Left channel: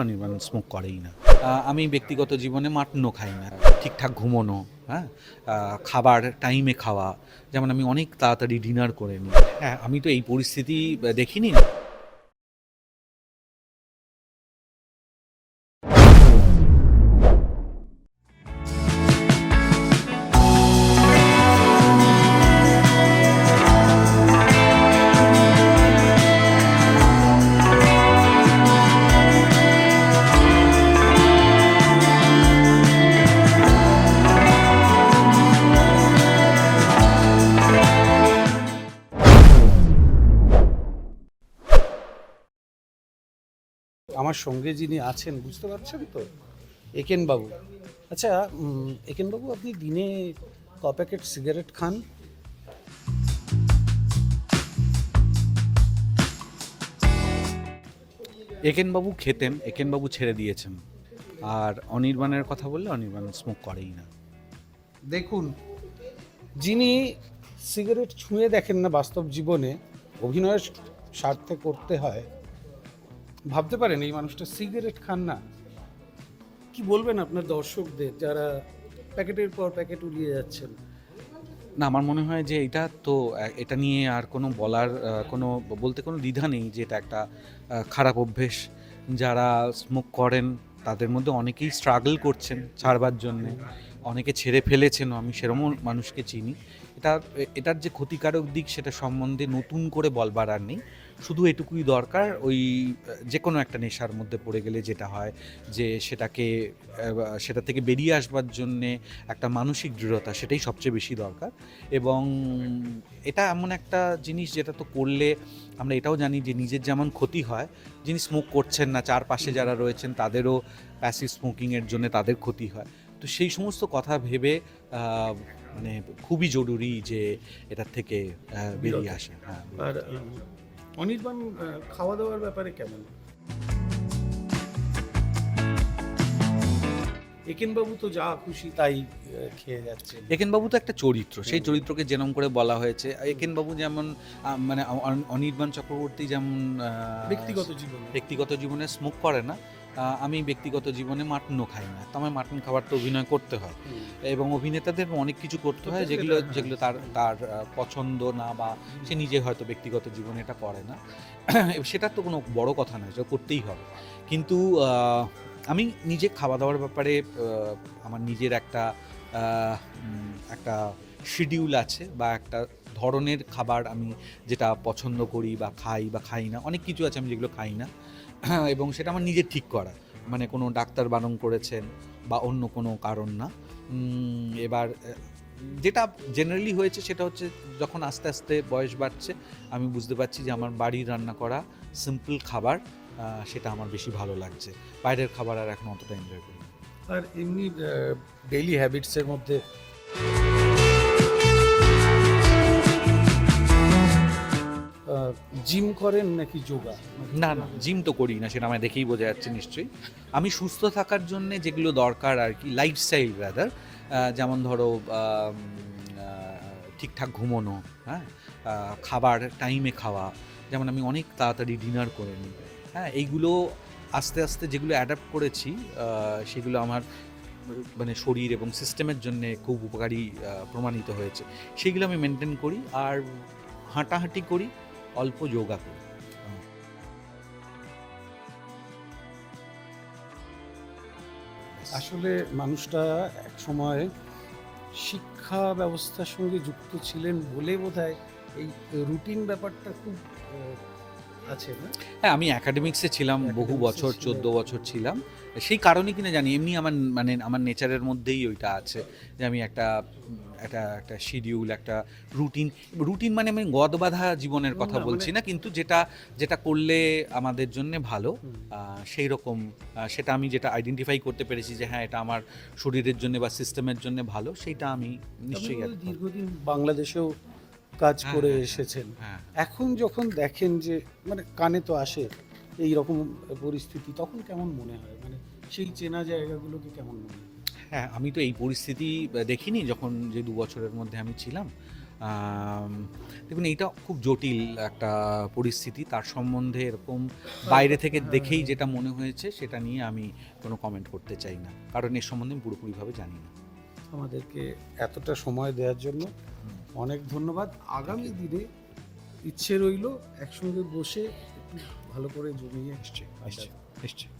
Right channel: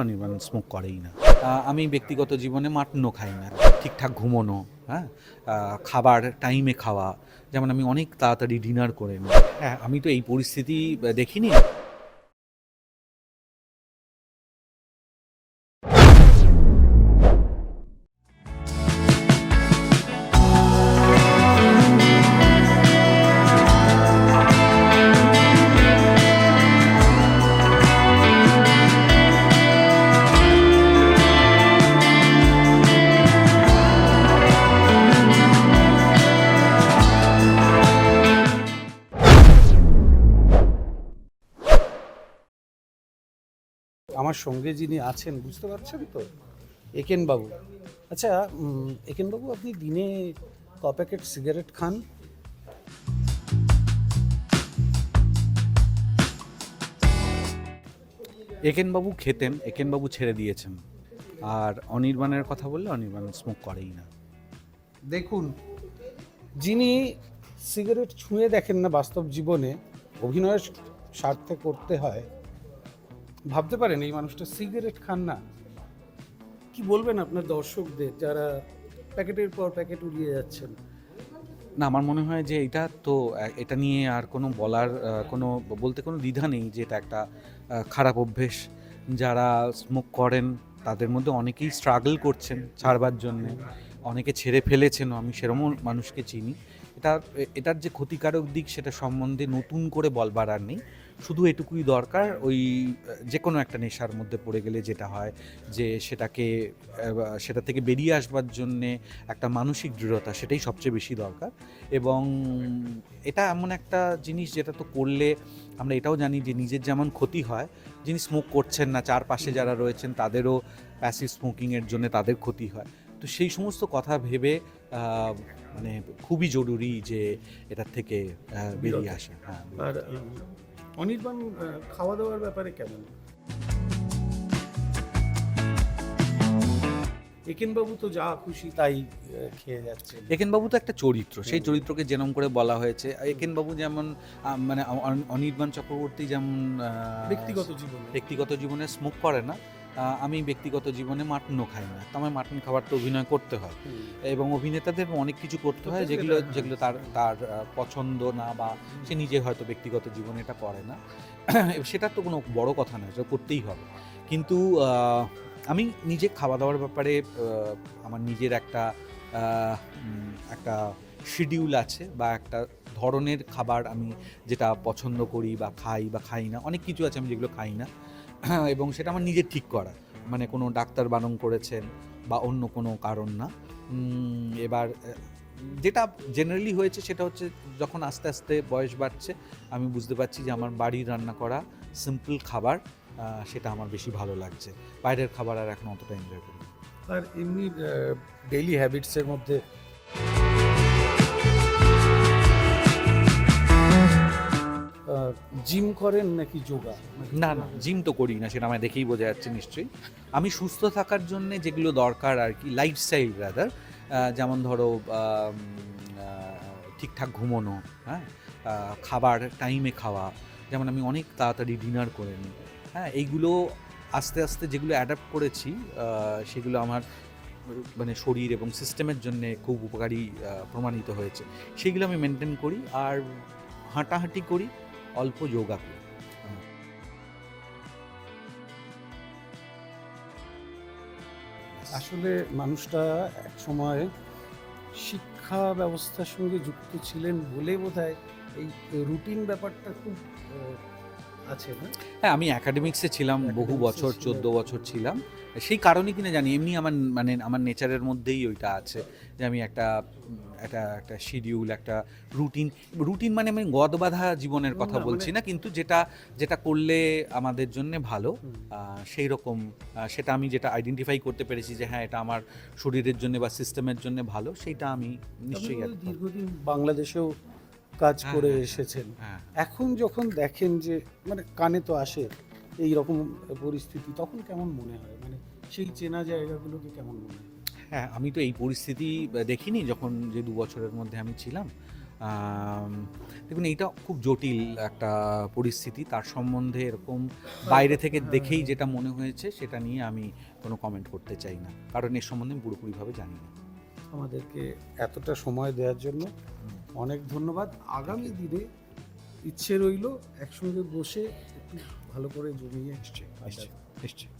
Anirban smoke করেই না। আমি ব্যক্তিগত জীবনে মাটনও খাই না, ঠিকঠাক ঘুমোনো হ্যাঁ? খাবার টাইমে খাওয়া, যেমন আমি অনেক তাড়াতাড়ি ডিনার করে নিই হ্যাঁ আমি তো এই পরিস্থিতি দেখিনি। আমার সঙ্গে যিনি আছেন বুঝতে পারছেন তো? একেন বাবু আচ্ছা উম, একেন বাবু আপনি দিনে ক প্যাকেট সিগারেট খান? একেনবাবু খেতেন একেনবাবু ছেড়ে দিয়েছেন। আর অনির্বাণের কথা বললে অনির্বাণ স্মোক করেই না। দেখুন যিনি সিগারেট ছুঁয়ে দেখেন না বাস্তব জীবনে অভিনয়ের স্বার্থে করতে হয় ভাবতে পারেন, এই মানুষটা সিগারেট খান না। কি বলবেন আপনার দর্শকদের যারা প্যাকেটের পর প্যাকেট উড়িয়ে যাচ্ছেন? না, আমার মনে হয় যে এটা তো, এটা নিয়ে আর কোনো বলার কোনো বলতে কোনো দ্বিধা নেই যে এটা একটা খারাপ অভ্যেস। যারা স্মোক করেন, তাদের মধ্যে অনেকেই স্ট্রাগল করছেন ছাড়বার জন্য। অনেকে ছেড়ে ফেলেছেন, আমি সেরকমও মানুষকে চিনি। এটা এটার যে ক্ষতিকারক দিক, সেটা সম্বন্ধে নতুন করে বলবার আর নেই। শুধু এটুকুই দরকার ওই যে কোনো একটা নেশার মধ্যে পড়ে গেলে যেটা হয় যে সেটাকে সেটা থেকে বেরিয়ে আসবার জন্যে একটা মানসিক দৃঢ়তা সেটাই সবচেয়ে বেশি দরকার। এবং এটা এমন একটা জিনিস যেটা তো করলে আমরা এটাও জানি যে নিজের যেমন ক্ষতি হয় যিনি স্মোক করছেন না চারপাশে যারা রয়েছেন তাদেরও প্যাসিভ স্মোকিংয়ের জন্য তাদের ক্ষতি হয়। তো সেই সমস্ত কথা ভেবে মানে খুবই জরুরি যে এটার থেকে বেরিয়ে আসে হ্যাঁ আর অনির্বাণ খাওয়া দাওয়ার ব্যাপারে কেমন? একেনবাবু তো যা খুশি তাই খেয়ে যাচ্ছে একেনবাবু তো একটা চরিত্র সেই চরিত্রকে যেরম করে বলা হয়েছে। একেনবাবু যেমন মানে অনির্বাণ চক্রবর্তী যেমন ব্যক্তিগত জীবন। ব্যক্তিগত জীবনে স্মোক করে না আমি ব্যক্তিগত জীবনে মাটনও খাই না। তো আমার মাটন খাবার তো অভিনয় করতে হয়। এবং অভিনেতাদের অনেক কিছু করতে হয় যেগুলো যেগুলো তার তার পছন্দ না বা সে নিজে হয়তো ব্যক্তিগত জীবনে এটা করে না। সেটা তো কোনো বড় কথা নয় যে করতেই হবে। কিন্তু আমি নিজে খাওয়া দাওয়ার ব্যাপারে আমার নিজের একটা একটা শিডিউল আছে বা একটা ধরনের খাবার আমি যেটা পছন্দ করি বা খাই বা খাই না অনেক কিছু আছে আমি যেগুলো খাই না। এবং সেটা আমার নিজের ঠিক করা। মানে কোনো ডাক্তার বারণ করেছেন বা অন্য কোনো কারণ না। এবার, যেটা জেনারেলি হয়েছে সেটা হচ্ছে যখন আস্তে আস্তে বয়স বাড়ছে, আমি বুঝতে পারছি যে আমার বাড়ির রান্না করা সিম্পল খাবার সেটা আমার বেশি ভালো লাগছে। বাইরের খাবার আর এখন অতটা এনজয় করি আর এমনি ডেইলি হ্যাবিটসের মধ্যে করেন নাকি যোগা না না, জিম তো করি না, সেটা আমায় দেখেই বোঝা যাচ্ছে নিশ্চয়ই। আমি সুস্থ থাকার জন্য যেগুলো দরকার আর কি লাইফস্টাইল রাদার যেমন ধরো ঠিকঠাক ঘুমোনো হ্যাঁ খাবার টাইমে খাওয়া, যেমন আমি অনেক তাড়াতাড়ি ডিনার করে নিই হ্যাঁ এইগুলো আস্তে আস্তে যেগুলো অ্যাডাপ্ট করেছি সেগুলো আমার মানে শরীর এবং সিস্টেমের জন্য খুব উপকারী প্রমাণিত হয়েছে। সেগুলো আমি মেনটেন করি আর হাঁটাহাঁটি করি। অল্প যোগা করে। আসলে মানুষটা এক সময় শিক্ষা ব্যবস্থার সঙ্গে যুক্ত ছিলেন বলে বোধ এই রুটিন ব্যাপারটা খুব হ্যাঁ আমি একাডেমিক্সে ছিলাম বহু বছর। চোদ্দ বছর ছিলাম সেই কারণে কিনা জানি এমনি আমার মানে আমার নেচারের মধ্যেই ওইটা আছে যে আমি একটা একটা একটা শিডিউল একটা রুটিন রুটিন মানে আমি গদ বাঁধা জীবনের কথা বলছি মানে- না কিন্তু যেটা যেটা করলে আমাদের জন্য ভালো। সেই রকম সেটা আমি যেটা আইডেন্টিফাই করতে পেরেছি যে হ্যাঁ এটা আমার শরীরের জন্য বা সিস্টেমের জন্য ভালো সেইটা আমি নিশ্চয়ই দীর্ঘদিন বাংলাদেশেও কাজ করে। এসেছেন। হ্যাঁ এখন যখন দেখেন যে মানে কানে তো আসে এই রকম পরিস্থিতি তখন কেমন মনে হয়? মানে সেই চেনা জায়গাগুলোকে কেমন মনে হয়? হ্যাঁ আমি তো এই পরিস্থিতি দেখিনি যখন যে দু বছরের মধ্যে আমি ছিলাম। দেখুন এইটা খুব জটিল একটা পরিস্থিতি। তার সম্বন্ধে এরকম বাইরে থেকে দেখেই যেটা মনে হয়েছে সেটা নিয়ে আমি কোনো কমেন্ট করতে চাই না। কারণ এর সম্বন্ধে আমি পুরোপুরিভাবে জানি না। আমাদেরকে এতটা সময় দেওয়ার জন্য অনেক ধন্যবাদ। আগামী দিনে ইচ্ছে রইল একসঙ্গে বসে ভালো করে জমিয়ে নিশ্চয়ই নিশ্চয়ই নিশ্চয়ই